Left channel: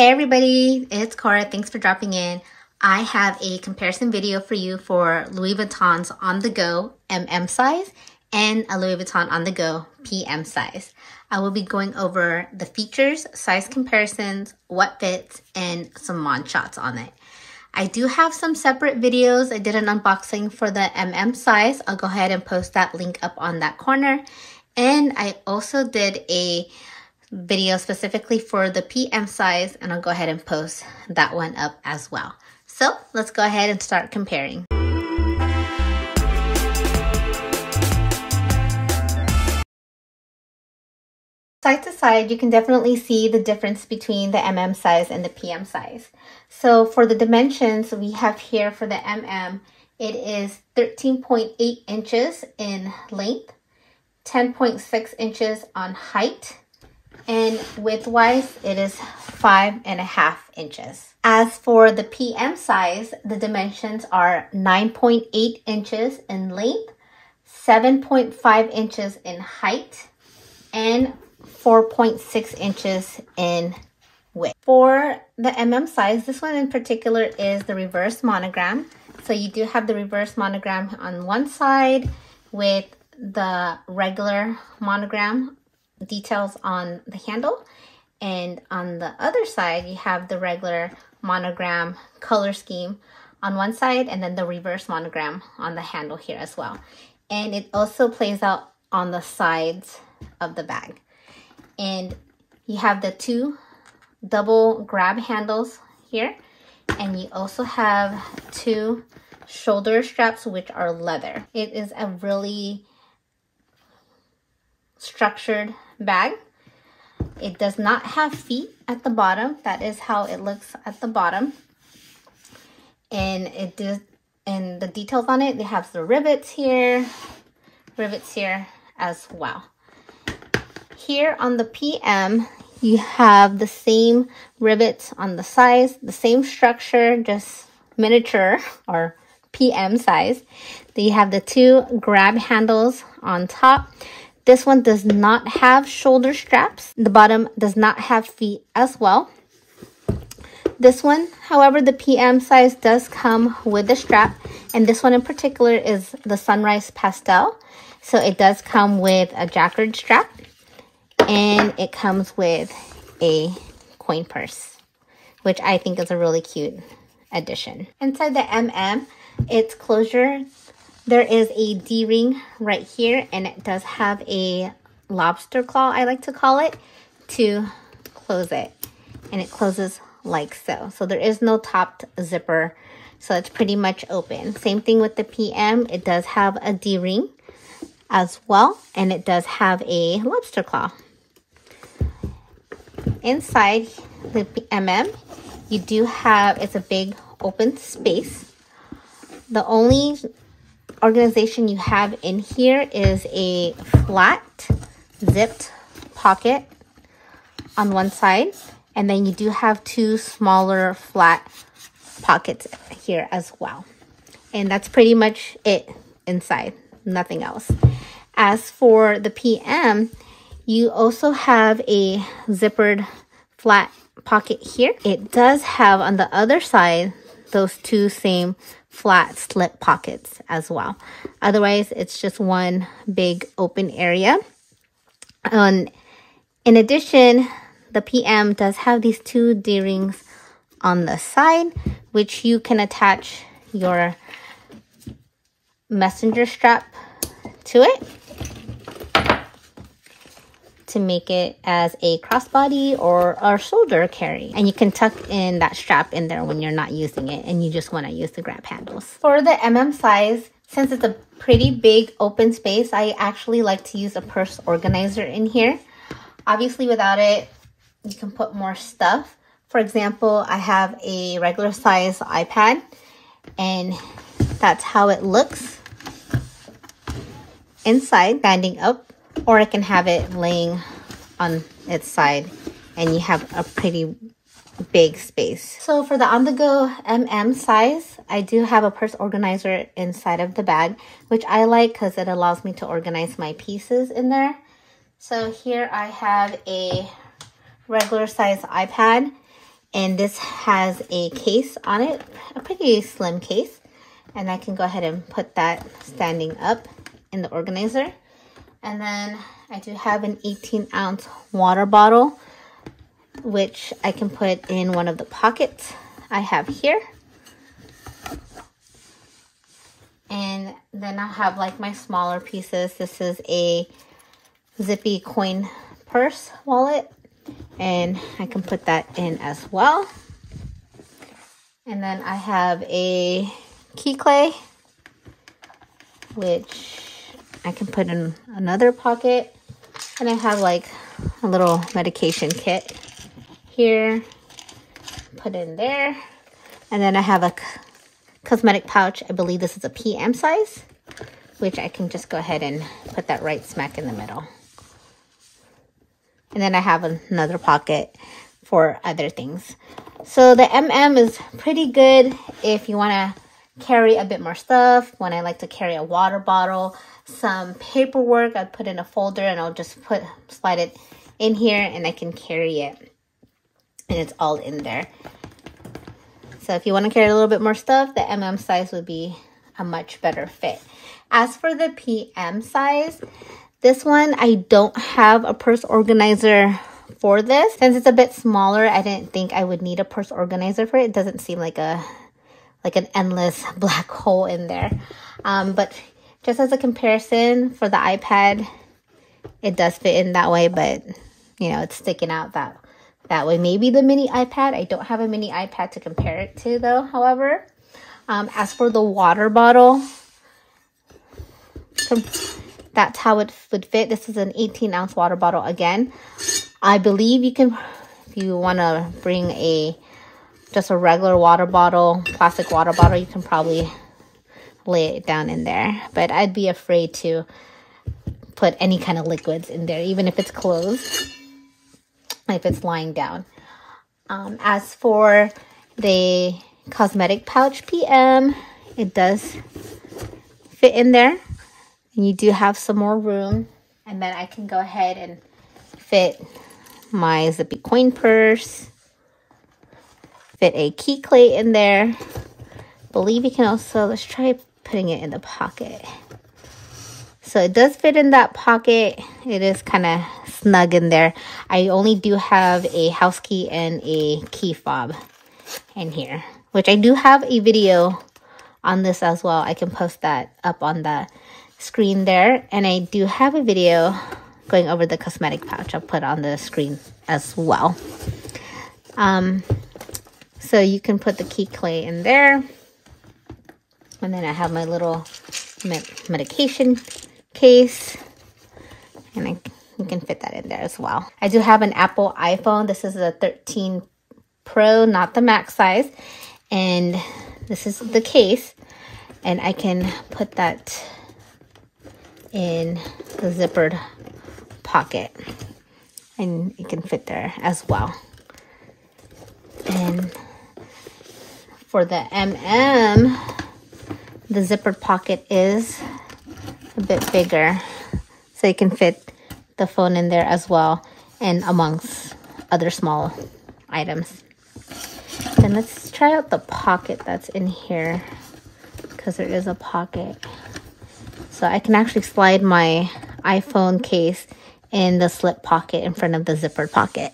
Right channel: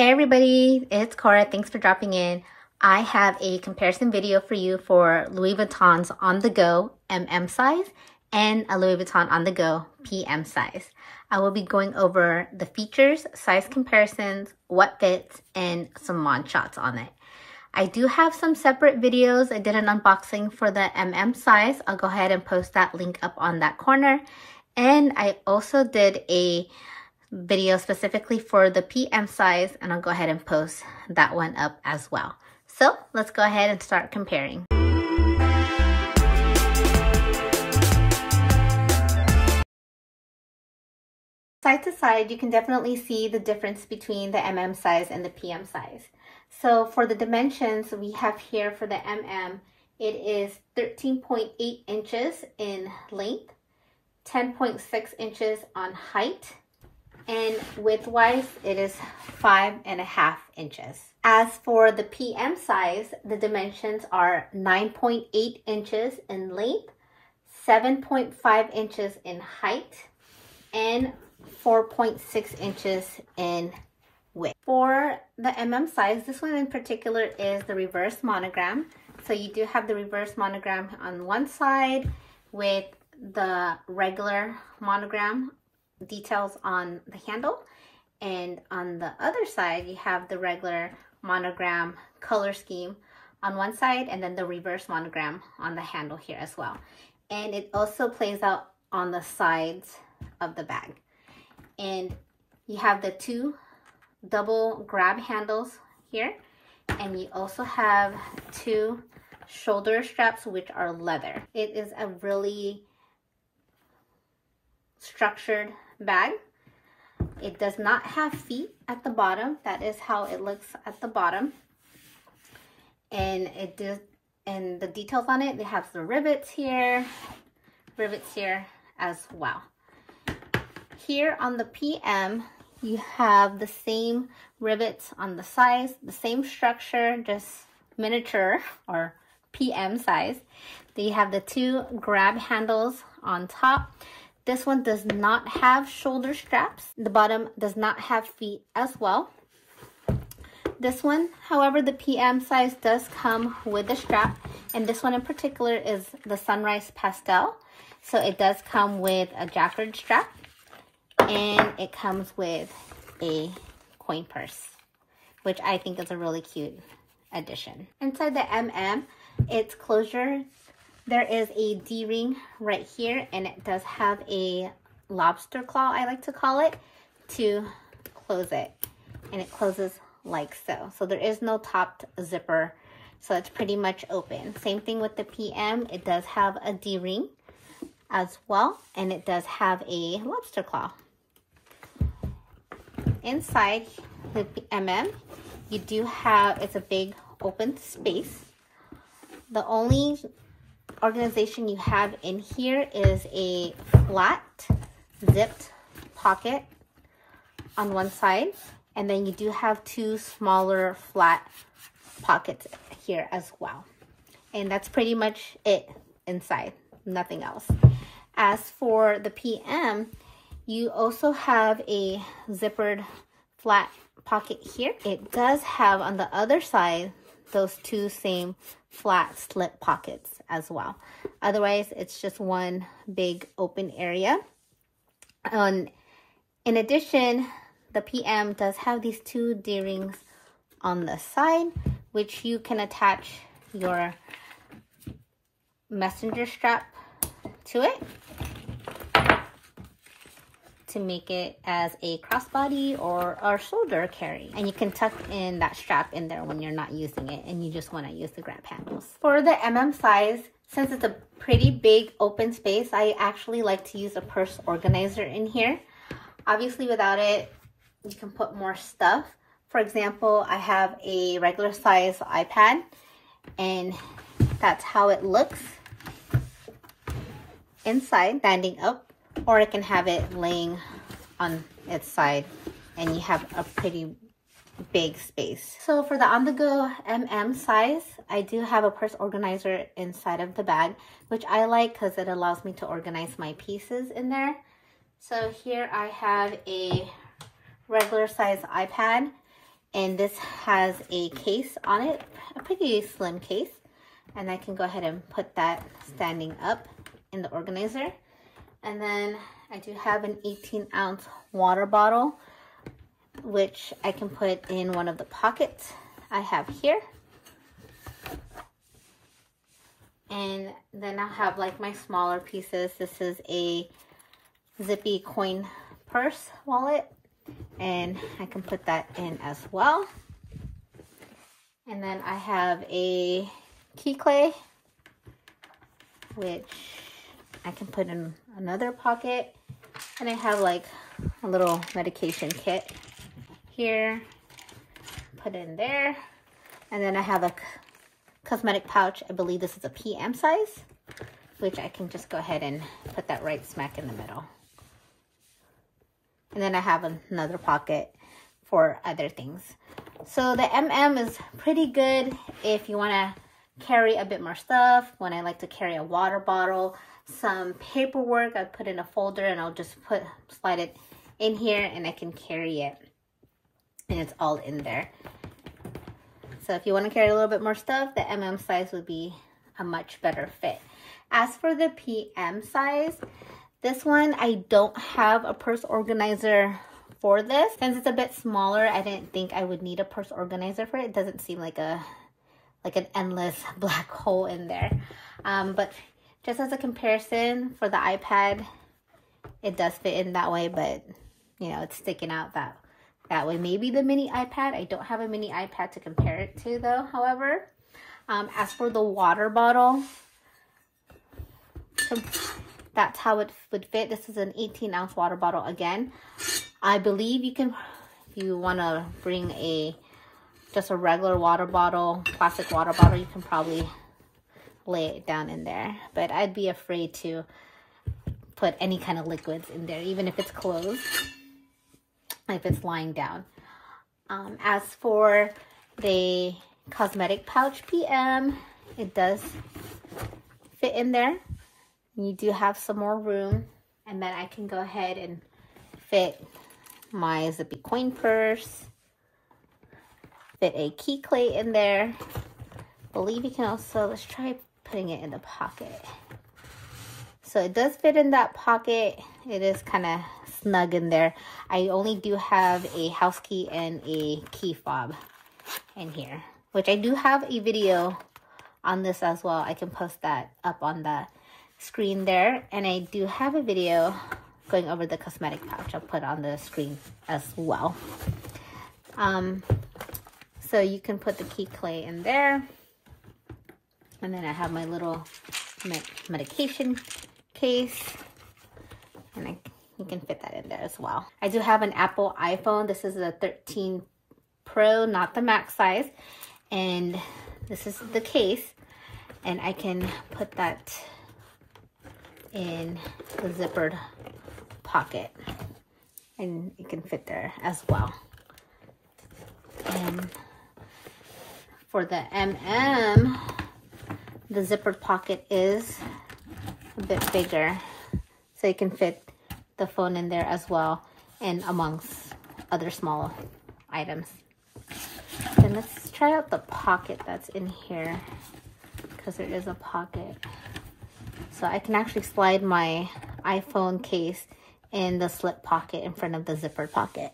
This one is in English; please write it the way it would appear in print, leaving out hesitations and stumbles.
Hey everybody, it's Cora. Thanks for dropping in. I have a comparison video for you for Louis Vuitton's On The Go size and a Louis Vuitton On The Go PM size. I will be going over the features, size comparisons, what fits, and some mod shots on it. I do have some separate videos. I did an unboxing for the size. I'll go ahead and post that link up on that corner. And I also did a video specifically for the PM size, and I'll go ahead and post that one up as well. So let's go ahead and start comparing. Side to side, you can definitely see the difference between the size and the PM size. So for the dimensions we have here for the it is 13.8 inches in length, 10.6 inches on height, and width-wise, it is 5.5 inches. As for the PM size, the dimensions are 9.8 inches in length, 7.5 inches in height, and 4.6 inches in width. For the size, this one in particular is the reverse monogram. So you do have the reverse monogram on one side with the regular monogram details on the handle, and on the other side you have the regular monogram color scheme on one side, and then the reverse monogram on the handle here as well. And it also plays out on the sides of the bag. And you have the two double grab handles here, and you also have two shoulder straps which are leather. It is a really structured bag. It does not have feet at the bottom. That is how it looks at the bottom. And and the details on it, they have the rivets here as well. Here on the PM, you have the same rivets on the sides, the same structure, just miniature or PM size. Then you have the two grab handles on top. This one does not have shoulder straps. The bottom does not have feet as well. This one, however, the PM size does come with the strap, and this one in particular is the Sunrise Pastel. So it does come with a jacquard strap, and it comes with a coin purse, which I think is a really cute addition. Inside the its closure, there is a D-ring right here, and it does have a lobster claw, I like to call it, to close it. And it closes like so. So there is no topped zipper, so it's pretty much open. Same thing with the PM. It does have a D-ring as well, and it does have a lobster claw. Inside the you do have, it's a big open space. The only organization you have in here is a flat zipped pocket on one side, and then you do have two smaller flat pockets here as well. And that's pretty much it inside, nothing else. As for the PM, you also have a zippered flat pocket here. It does have on the other side those two same flat slip pockets as well. Otherwise, it's just one big open area. In addition, the PM does have these two D-rings on the side, which you can attach your messenger strap to it to make it as a crossbody or a shoulder carry. And you can tuck in that strap in there when you're not using it and you just want to use the grab handles. For the size, since it's a pretty big open space, I actually like to use a purse organizer in here. Obviously without it, you can put more stuff. For example, I have a regular size iPad, and that's how it looks inside, standing up. Or I can have it laying on its side, and you have a pretty big space. So for the On The Go size, I do have a purse organizer inside of the bag, which I like because it allows me to organize my pieces in there. So here I have a regular size iPad, And this has a case on it, a pretty slim case. And I can go ahead and put that standing up in the organizer. And then I do have an 18-ounce water bottle, which I can put in one of the pockets I have here. And then I'll have like my smaller pieces. This is a zippy coin purse wallet, and I can put that in as well. And then I have a key clay, which I can put in another pocket. And I have like a little medication kit here, put in there. And then I have a cosmetic pouch. I believe this is a PM size, which I can just go ahead and put that right smack in the middle. And then I have another pocket for other things. So the MM is pretty good if you want to carry a bit more stuff. When I like to carry a water bottle, some paperwork, I put in a folder and I'll just slide it in here and I can carry it. And it's all in there. So if you want to carry a little bit more stuff, the MM size would be a much better fit. As for the PM size, this one, I don't have a purse organizer for this. Since it's a bit smaller, I didn't think I would need a purse organizer for it. It doesn't seem like an endless black hole in there. But just as a comparison for the iPad, it does fit in that way, but you know, it's sticking out that way. Maybe the mini iPad. I don't have a mini iPad to compare it to though, however. As for the water bottle, that's how it would fit. This is an 18-ounce water bottle again. I believe you can, if you want to bring just a regular water bottle, plastic water bottle, you can probably lay it down in there. But I'd be afraid to put any kind of liquids in there, even if it's closed, if it's lying down. As for the cosmetic pouch PM, it does fit in there. And you do have some more room. And then I can go ahead and fit my zippy coin purse, fit a key clay in there. Believe you can also, let's try putting it in the pocket. So it does fit in that pocket. It is kind of snug in there. I only do have a house key and a key fob in here, which I do have a video on this as well. I can post that up on the screen there. And I do have a video going over the cosmetic pouch. I'll put on the screen as well. So you can put the key clay in there. And then I have my little medication case. And you can fit that in there as well. I do have an Apple iPhone. This is a 13 Pro, not the Max size. And this is the case. And I can put that in the zippered pocket. And it can fit there as well. And for the MM, the zippered pocket is a bit bigger. So you can fit the phone in there as well, and amongst other small items. And let's try out the pocket that's in here, because there is a pocket. So I can actually slide my iPhone case in the slip pocket in front of the zippered pocket.